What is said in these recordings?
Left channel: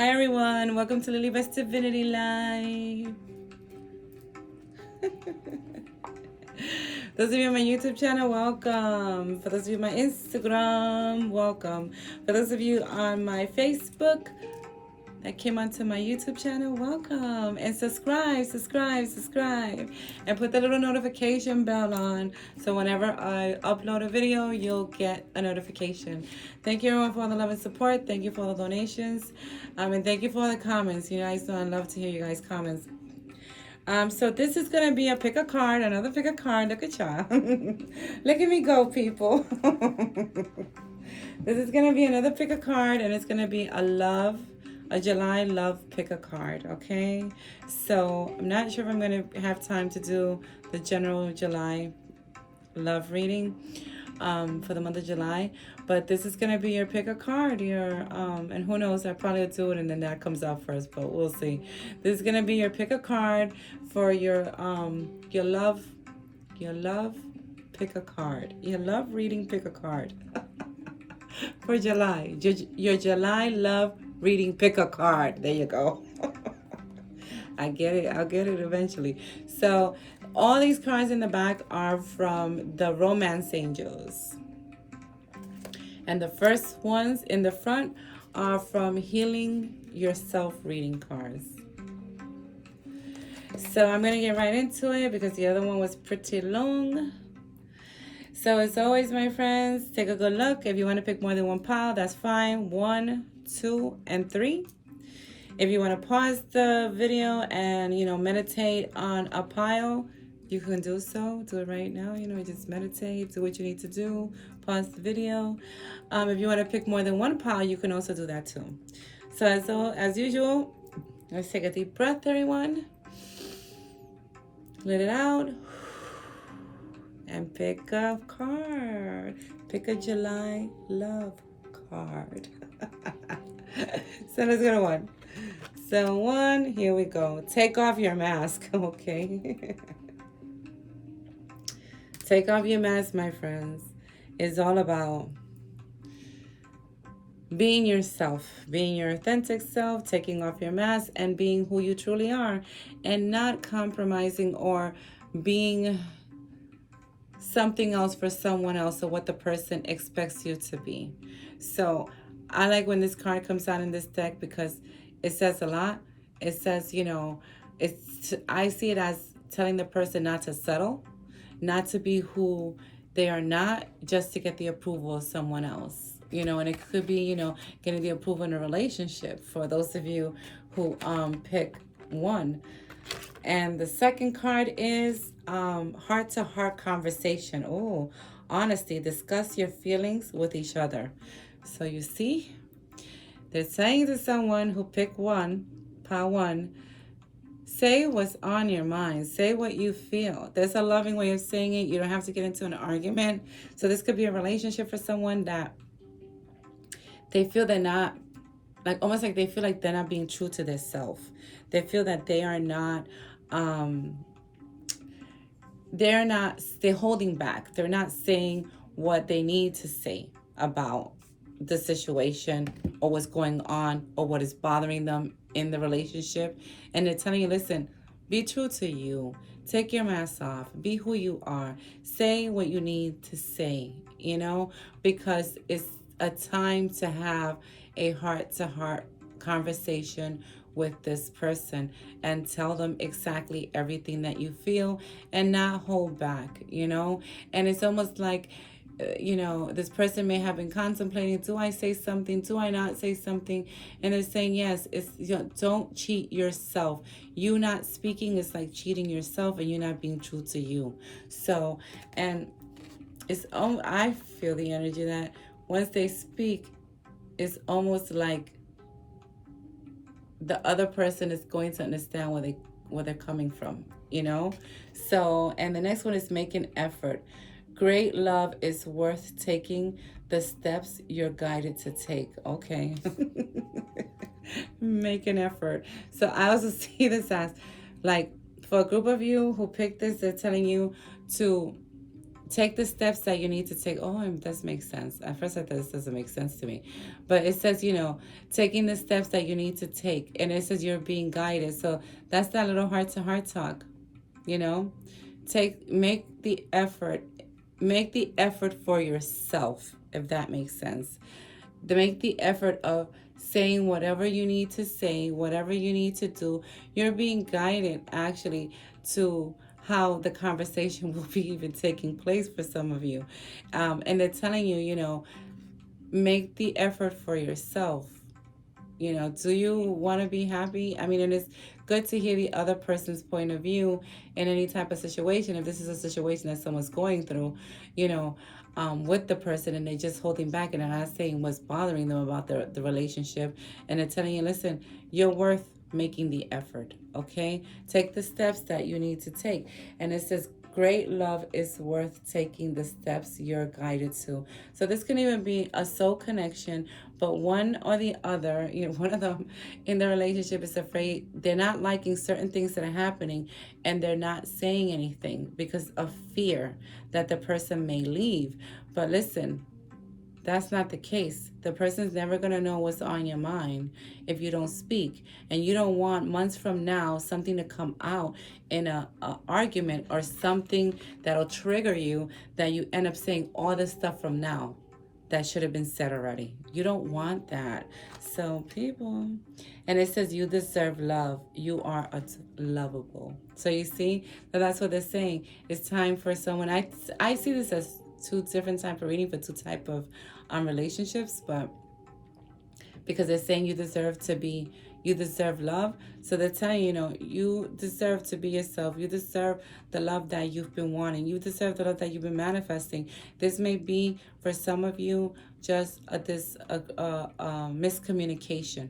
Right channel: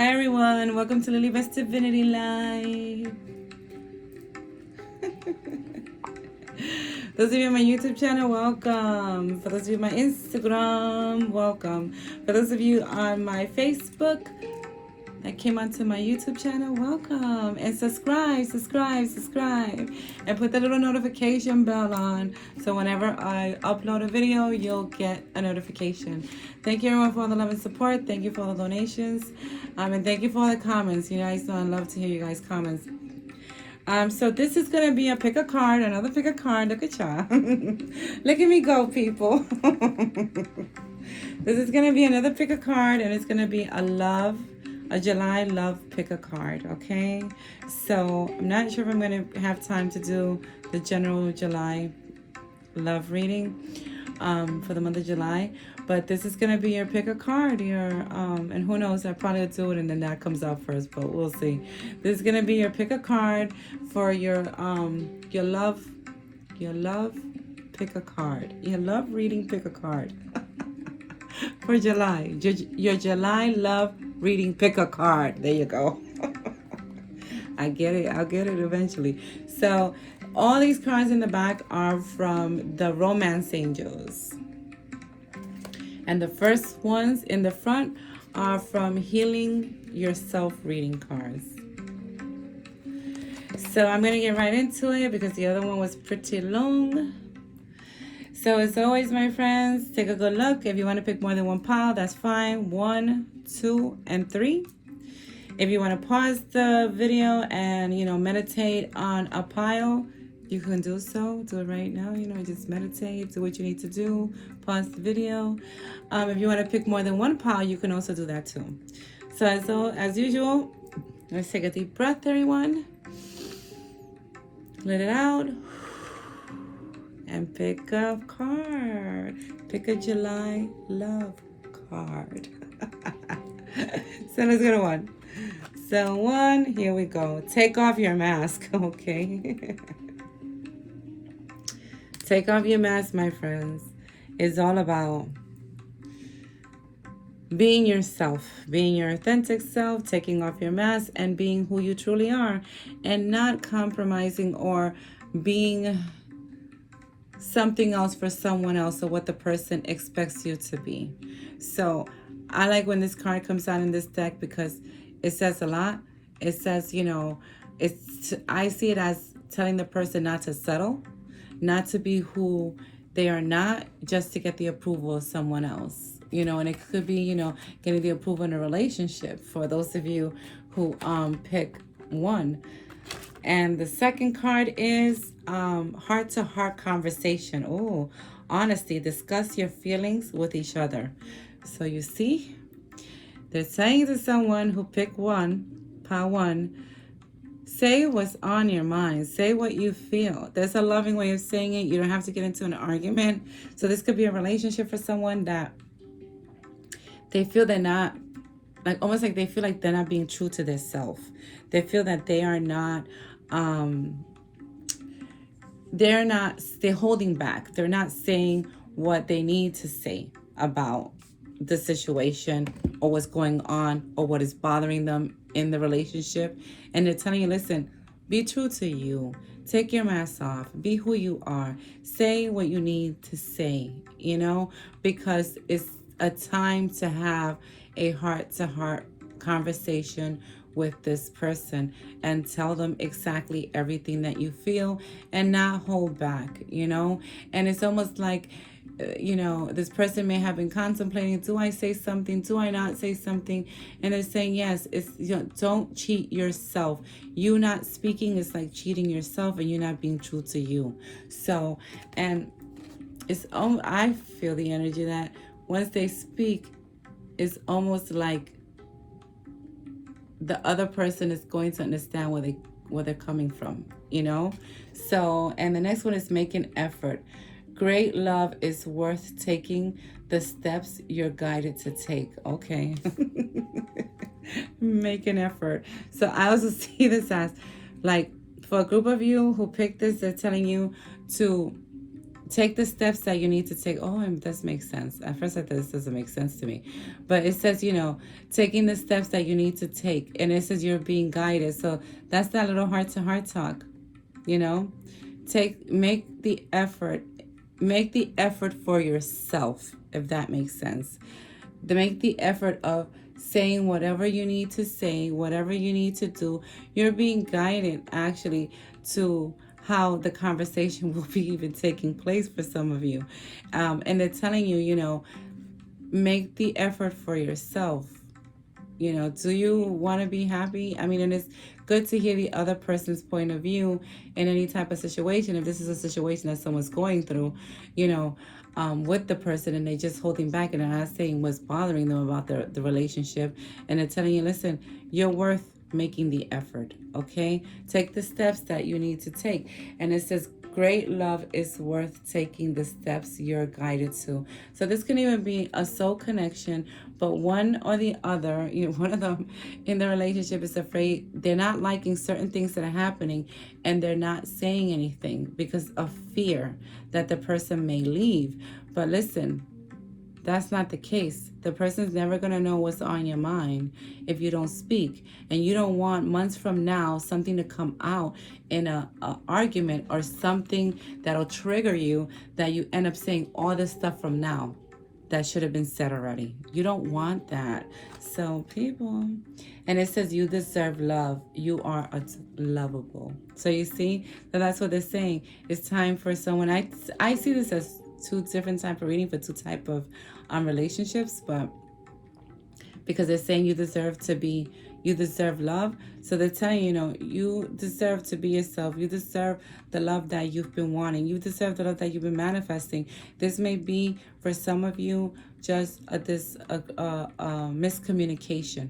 Hi everyone, welcome to Lily Best Divinity Live. Those of you on my YouTube channel, welcome. For those of you on my Instagram, welcome. For those of you on my Facebook that came onto my YouTube channel, welcome. And subscribe. And put the little notification bell on so whenever I upload a video, you'll get a notification. Thank you everyone for all the love and support. Thank you for all the donations. And thank you for all the comments. You guys know I love to hear you guys' comments. So this is going to be a pick a card, another pick a card. Look at y'all. Look at me go, people. This is going to be another pick a card, and it's going to be a July love pick a card, okay? So I'm not sure if I'm going to have time to do the general July love reading for the month of July. But this is going to be your pick a card. And who knows, I probably will do it and then that comes out first, but we'll see. This is going to be your pick a card for your love pick a card. Your love reading pick a card. For July. Your July love reading pick a card. There you go. I get it. I'll get it eventually. So all these cards in the back are from the Romance Angels. And the first ones in the front are from Healing Yourself reading cards. So I'm going to get right into it because the other one was pretty long. So as always, my friends, take a good look. If you want to pick more than one pile, that's fine. 1, 2, and 3. If you want to pause the video and, meditate on a pile, you can do so. Do it right now. Just meditate. Do what you need to do. Pause the video. If you want to pick more than one pile, you can also do that too. So as usual, let's take a deep breath, everyone. Let it out. And pick a card. Pick a July love card. So let's go to 1. So 1, here we go. Take off your mask, okay? Take off your mask, my friends. It's all about being yourself, being your authentic self, taking off your mask, and being who you truly are, and not compromising or being something else for someone else or what the person expects you to be. So I like when this card comes out in this deck because it says a lot. It says, I see it as telling the person not to settle, not to be who they are not just to get the approval of someone else. And it could be, getting the approval in a relationship for those of you who pick 1. And the second card is heart-to-heart conversation. Oh, honesty. Discuss your feelings with each other. So you see, they're saying to someone who picked pile 1, say what's on your mind. Say what you feel. There's a loving way of saying it. You don't have to get into an argument. So this could be a relationship for someone that they feel they're not, almost like they feel like they're not being true to their self. They feel that they are not, they're holding back. They're not saying what they need to say about the situation or what's going on or what is bothering them in the relationship. And they're telling you, listen, be true to you. Take your mask off. Be who you are. Say what you need to say, because it's a time to have a heart-to-heart conversation with this person and tell them exactly everything that you feel and not hold back, And it's almost like, this person may have been contemplating, do I say something? Do I not say something? And they're saying, yes, it's, don't cheat yourself. You not speaking is like cheating yourself and you're not being true to you. So, and I feel the energy that once they speak, it's almost like the other person is going to understand where they're coming from, So, and the next one is make an effort. Great love is worth taking the steps you're guided to take. Okay. Make an effort. So I also see this as like for a group of you who picked this, they're telling you to take the steps that you need to take. Oh, it does make sense. At first I thought this doesn't make sense to me. But it says, taking the steps that you need to take. And it says you're being guided. So that's that little heart to heart talk, you know. Make the effort. Make the effort for yourself, if that makes sense. To make the effort of saying whatever you need to say, whatever you need to do. You're being guided actually to how the conversation will be even taking place for some of you. And they're telling you, make the effort for yourself. Do you want to be happy? I mean, and it's good to hear the other person's point of view in any type of situation. If this is a situation that someone's going through, with the person, and they're just holding back and they're not saying what's bothering them about the relationship, and they're telling you, listen, you're worth making the effort, okay? Take the steps that you need to take. And it says, great love is worth taking the steps you're guided to. So this can even be a soul connection, but one or the other, one of them in the relationship is afraid, they're not liking certain things that are happening, and they're not saying anything because of fear that the person may leave. But listen, that's not the case. The person's never going to know what's on your mind if you don't speak. And you don't want months from now something to come out in a argument or something that'll trigger you, that you end up saying all this stuff from now that should have been said already. You don't want that. So people, and it says you deserve love. You are lovable. So you see, that's what they're saying. It's time for someone. I see this as two different type of reading for two type of relationships, but because they're saying you deserve love. So they're telling you, you deserve to be yourself. You deserve the love that you've been wanting. You deserve the love that you've been manifesting. This may be for some of you just miscommunication.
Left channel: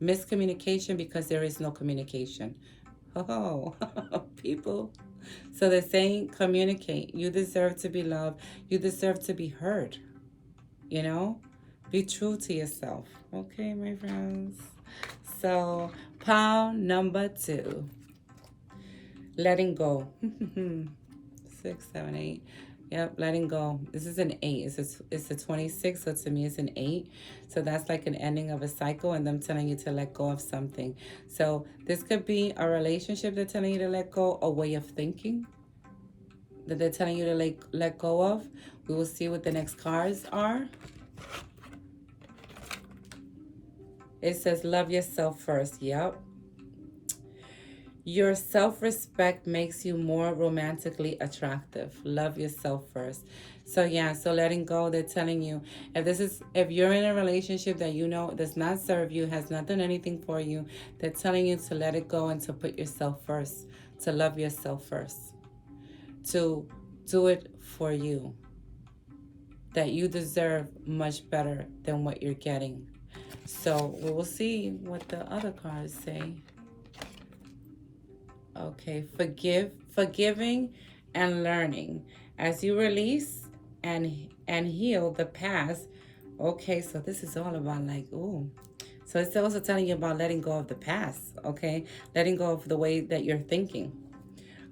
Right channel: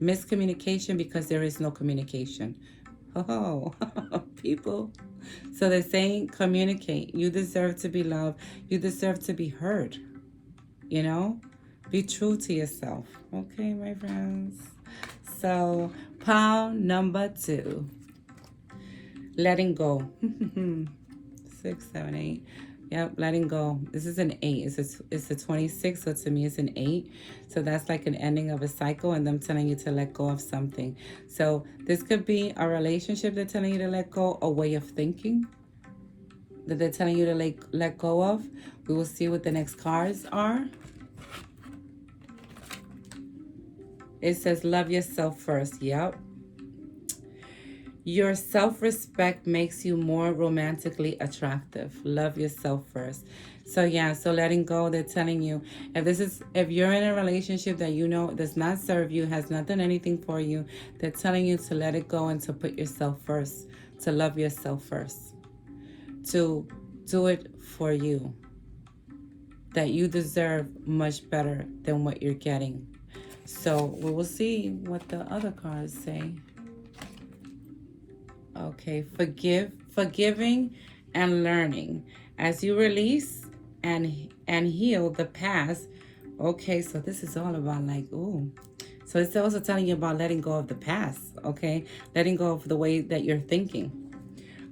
Miscommunication because there is no communication. Oh, people. So they're saying communicate. You deserve to be loved. You deserve to be heard. Be true to yourself. Okay, my friends. So, pile number 2. Letting go. 6, 7, 8. Yep, letting go. This is an 8. It's a 26, so to me it's an 8. So that's like an ending of a cycle, and them telling you to let go of something. So this could be a relationship they're telling you to let go, a way of thinking that they're telling you to let go of. We will see what the next cards are. It says, love yourself first. Yep. Your self-respect makes you more romantically attractive. Love yourself first. So yeah, so letting go, they're telling you, if you're in a relationship that does not serve you, has not done anything for you, they're telling you to let it go and to put yourself first, to love yourself first, to do it for you, that you deserve much better than what you're getting. So we will see what the other cards say. Okay, forgiving and learning. As you release and heal the past. Okay, so this is all about So it's also telling you about letting go of the past, okay? Letting go of the way that you're thinking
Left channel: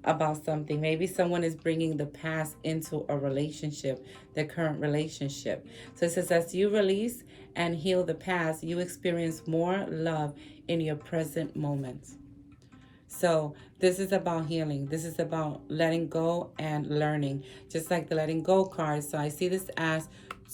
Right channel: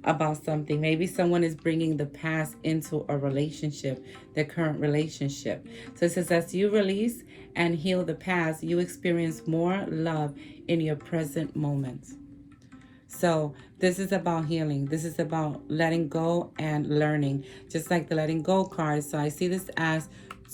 about something. Maybe someone is bringing the past into a relationship, their current relationship. So it says, as you release and heal the past, you experience more love in your present moment. So this is about healing. This is about letting go and learning, just like the letting go card. So I see this as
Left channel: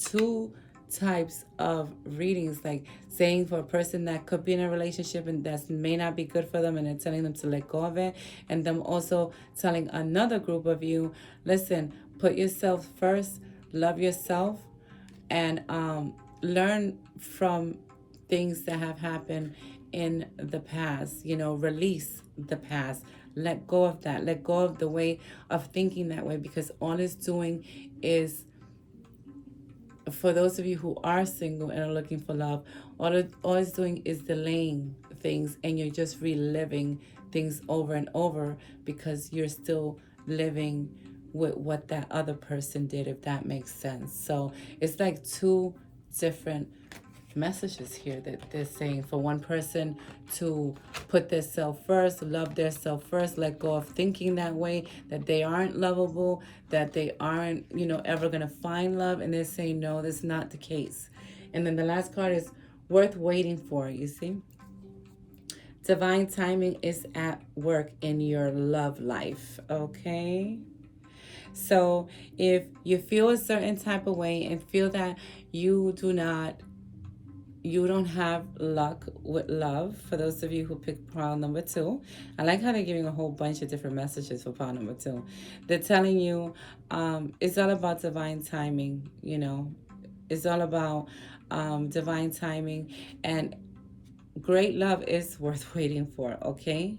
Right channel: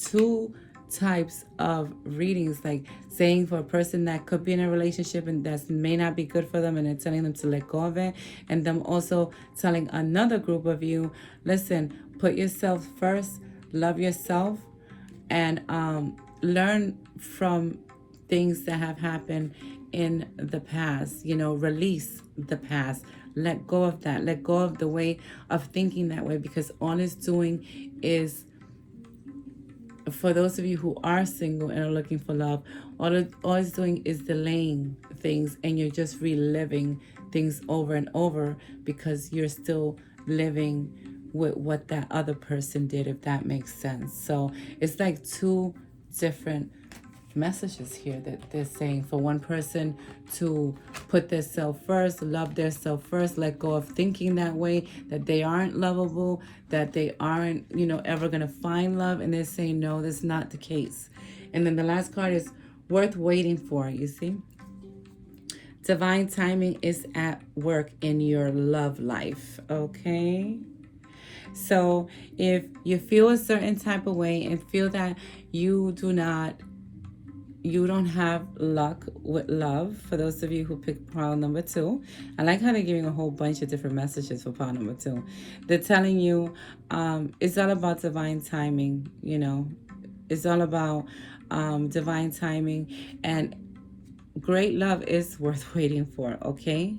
2 types of readings, like saying for a person that could be in a relationship and that may not be good for them, and they're telling them to let go of it, and them also telling another group of you, listen, put yourself first, love yourself, and learn from things that have happened in the past. Release the past, let go of that, let go of the way of thinking that way, because all it's doing is, for those of you who are single and are looking for love, all it's doing is delaying things, and you're just reliving things over and over because you're still living with what that other person did, if that makes sense. So it's like 2 different messages here that they're saying for one person to put their self first, love their self first, let go of thinking that way, that they aren't lovable, that they aren't, ever going to find love. And they're saying, no, that's not the case. And then the last card is worth waiting for, you see? Divine timing is at work in your love life, okay? So if you feel a certain type of way and feel that you don't have luck with love, for those of you who picked pile number 2, I like how they're giving a whole bunch of different messages for pile number 2. They're telling you it's all about divine timing, It's all about divine timing, and great love is worth waiting for, okay?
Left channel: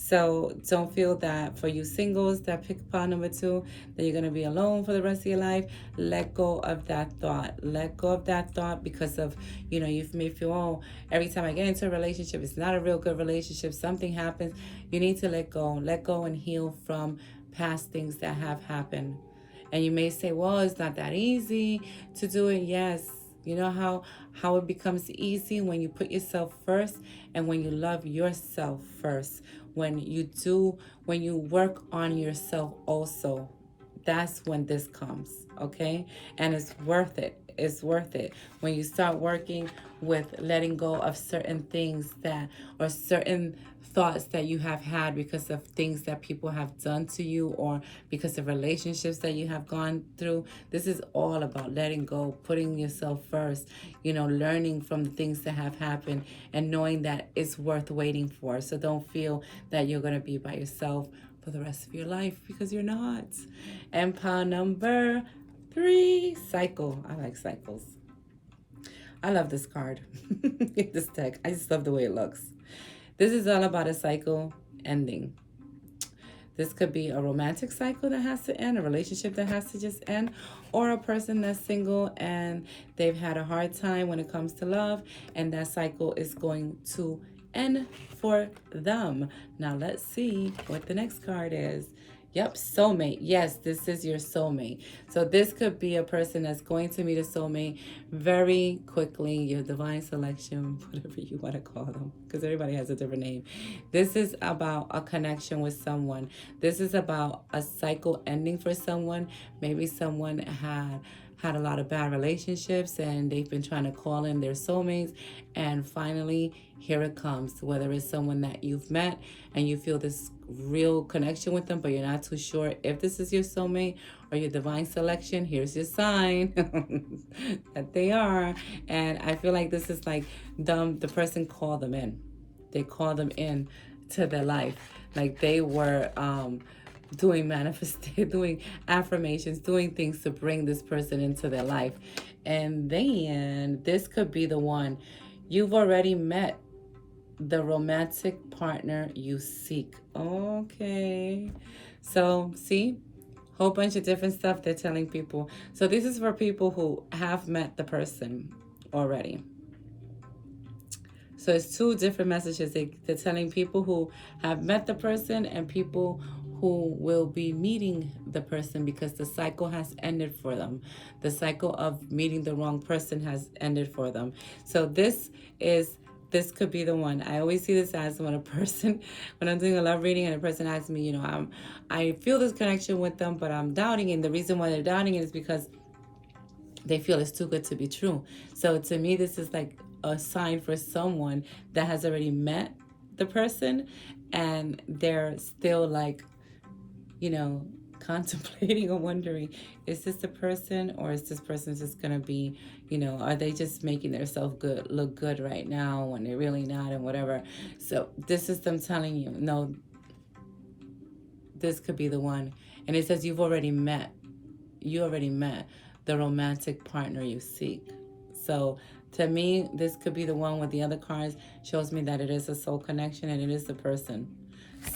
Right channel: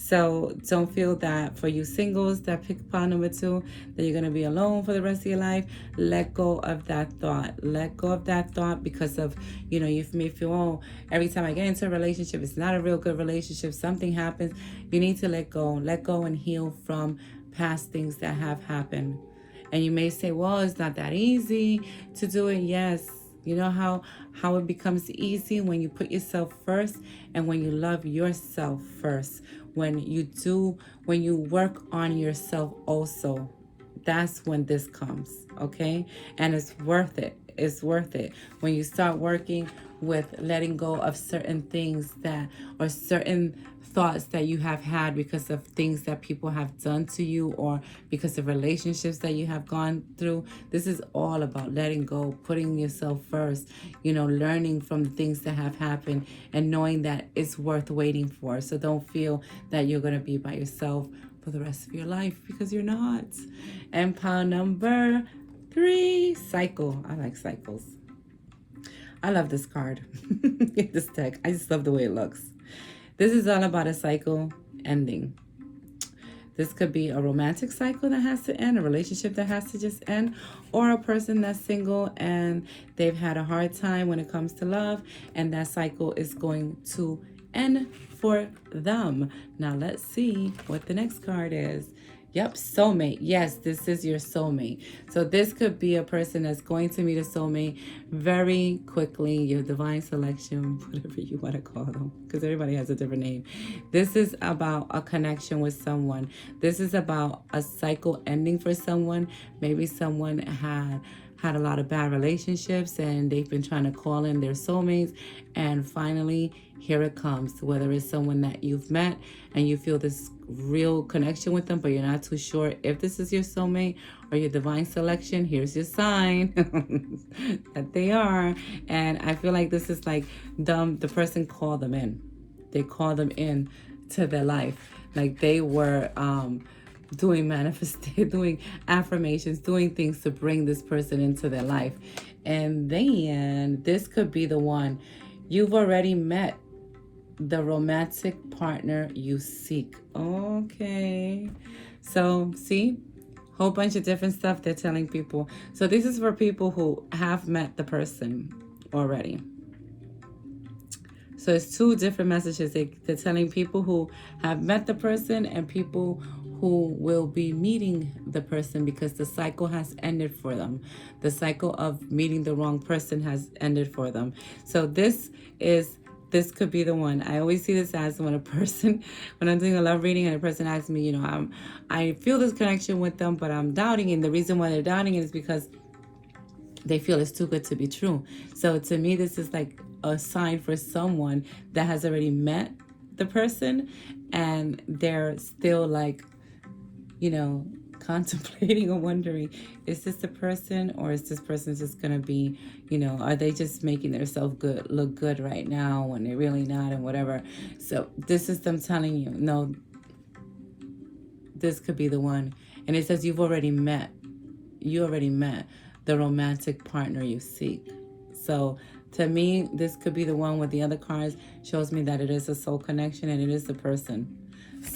So don't feel that for you singles that pick pile number 2, that you're going to be alone for the rest of your life. Let go of that thought. Let go of that thought because of, you may feel, oh, every time I get into a relationship, it's not a real good relationship. Something happens. You need to let go. Let go and heal from past things that have happened. And you may say, well, it's not that easy to do it. Yes. You know how it becomes easy when you put yourself first and when you love yourself first. When you work on yourself also, that's when this comes, okay? And it's worth it. It's worth it. When you start working with letting go of certain things or certain thoughts that you have had because of things that people have done to you or because of relationships that you have gone through. This is all about letting go, putting yourself first, learning from the things that have happened and knowing that it's worth waiting for. So don't feel that you're going to be by yourself for the rest of your life, because you're not. And pile number 3, cycle. I like cycles. I love this card. This deck. I just love the way it looks. This is all about a cycle ending. This could be a romantic cycle that has to end, a relationship that has to just end, or a person that's single and they've had a hard time when it comes to love, and that cycle is going to end for them. Now let's see what the next card is. Yep, soulmate. Yes, this is your soulmate. So this could be a person that's going to meet a soulmate very quickly, your divine selection, whatever you want to call them, because everybody has a different name. This is about a connection with someone. This is about a cycle ending for someone. Maybe someone had a lot of bad relationships and they've been trying to call in their soulmates, and finally here it comes. Whether it's someone that you've met and you feel this real connection with them, but you're not too sure if this is your soulmate or your divine selection, here's your sign that they are. And I feel like this is like the person called them in. They called them in to their life. Like they were doing affirmations, doing things to bring this person into their life. And then this could be the one. You've already met the romantic partner you seek. Okay. So, see? Whole bunch of different stuff they're telling people. So this is for people who have met the person already. So it's 2 different messages. They're telling people who have met the person and people who will be meeting the person, because the cycle has ended for them. The cycle of meeting the wrong person has ended for them. So this could be the one. I always see this as when I'm doing a love reading and a person asks me, I feel this connection with them, but I'm doubting it. And the reason why they're doubting it is because they feel it's too good to be true. So to me, this is like a sign for someone that has already met the person and they're still like, contemplating or wondering, is this the person, or is this person just going to be, are they just making themselves look good right now when they're really not, and whatever. So this is them telling you, no, this could be the one. And it says you already met the romantic partner you seek. So to me, this could be the one. With the other cards shows me that it is a soul connection and it is the person.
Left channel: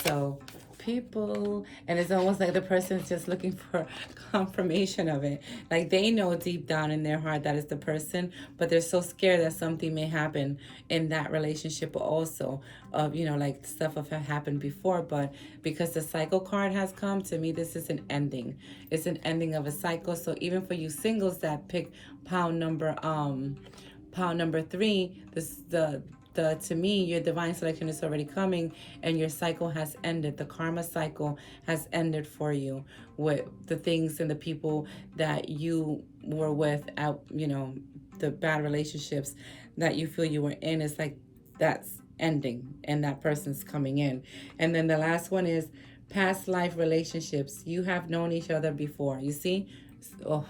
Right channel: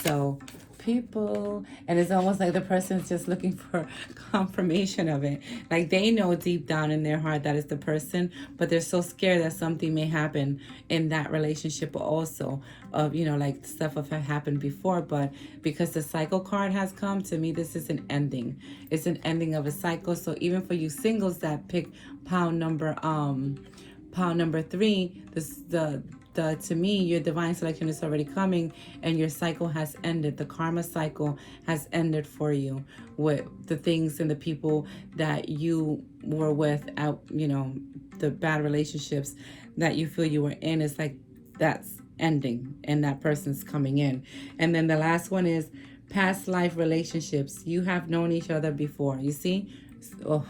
So people, and it's almost like the person's just looking for confirmation of it. Like they know deep down in their heart that it's the person, but they're so scared that something may happen in that relationship also, of like stuff have happened before. But because the cycle card has come, to me this is an ending. It's an ending of a cycle. So even for you singles that pick pile number Pile number 3, the to me, your divine selection is already coming, and your cycle has ended. The karma cycle has ended for you with the things and the people that you were with out, the bad relationships that you feel you were in. It's like that's ending and that person's coming in. And then the last one is past life relationships. You have known each other before. You see? Oh,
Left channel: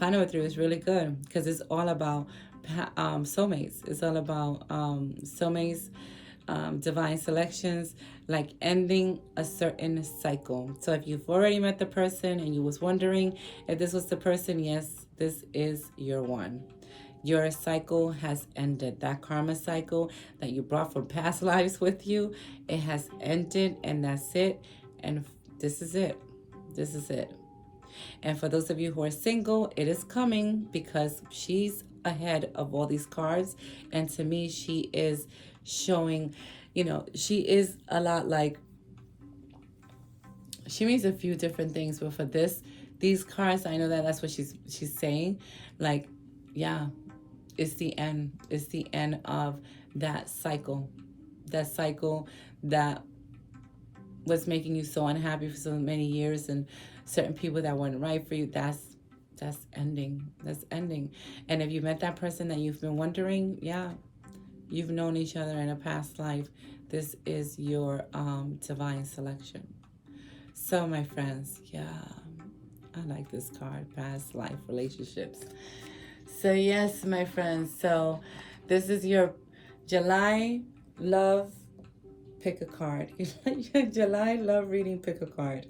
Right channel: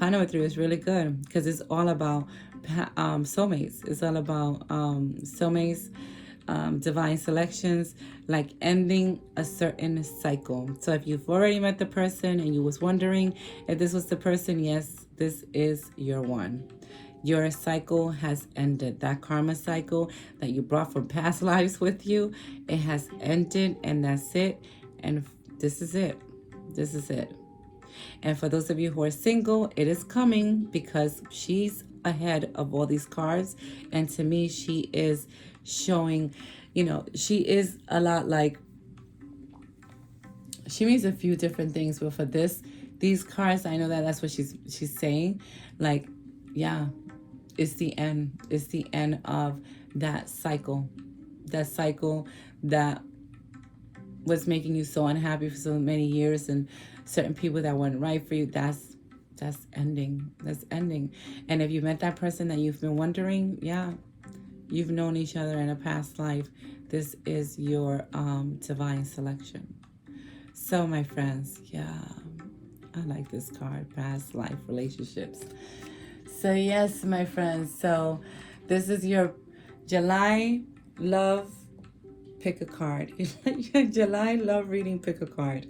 pile number 3 is really good because it's all about soulmates. It's all about soulmates, divine selections, like ending a certain cycle. So if you've already met the person and you was wondering if this was the person, yes, this is your one. Your cycle has ended. That karma cycle that you brought from past lives with you, it has ended, and that's it. And this is it. This is it. And for those of you who are single, it is coming because she's ahead of all these cards. And to me, she is showing, she is a lot like, she means a few different things. But for these cards, I know that that's what she's saying. Like, yeah, it's the end. It's the end of that cycle. That cycle that was making you so unhappy for so many years, and certain people that weren't right for you, that's ending. That's ending. And if you met that person that you've been wondering, yeah, you've known each other in a past life. This is your divine selection. So my friends, yeah, I like this card, past life relationships. So yes, my friends, so this is your July love. Pick a card. July love reading, pick a card.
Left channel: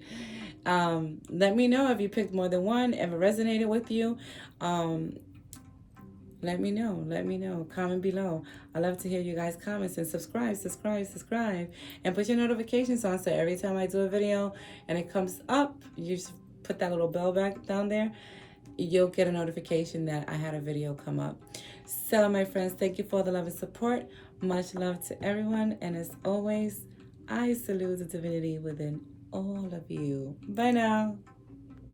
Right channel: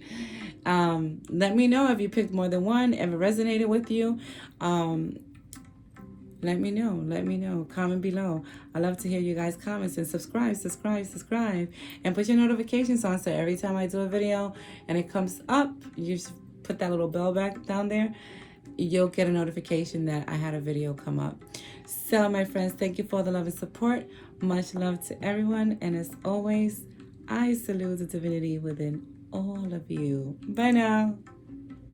Let me know if you picked more than one, if it resonated with you. Let me know. Comment below. I love to hear you guys' comments, and subscribe, and put your notifications on so every time I do a video and it comes up, you just put that little bell back down there, you'll get a notification that I had a video come up. So my friends, thank you for the love and support. Much love to everyone, and as always, I salute the divinity within all of you. Bye now.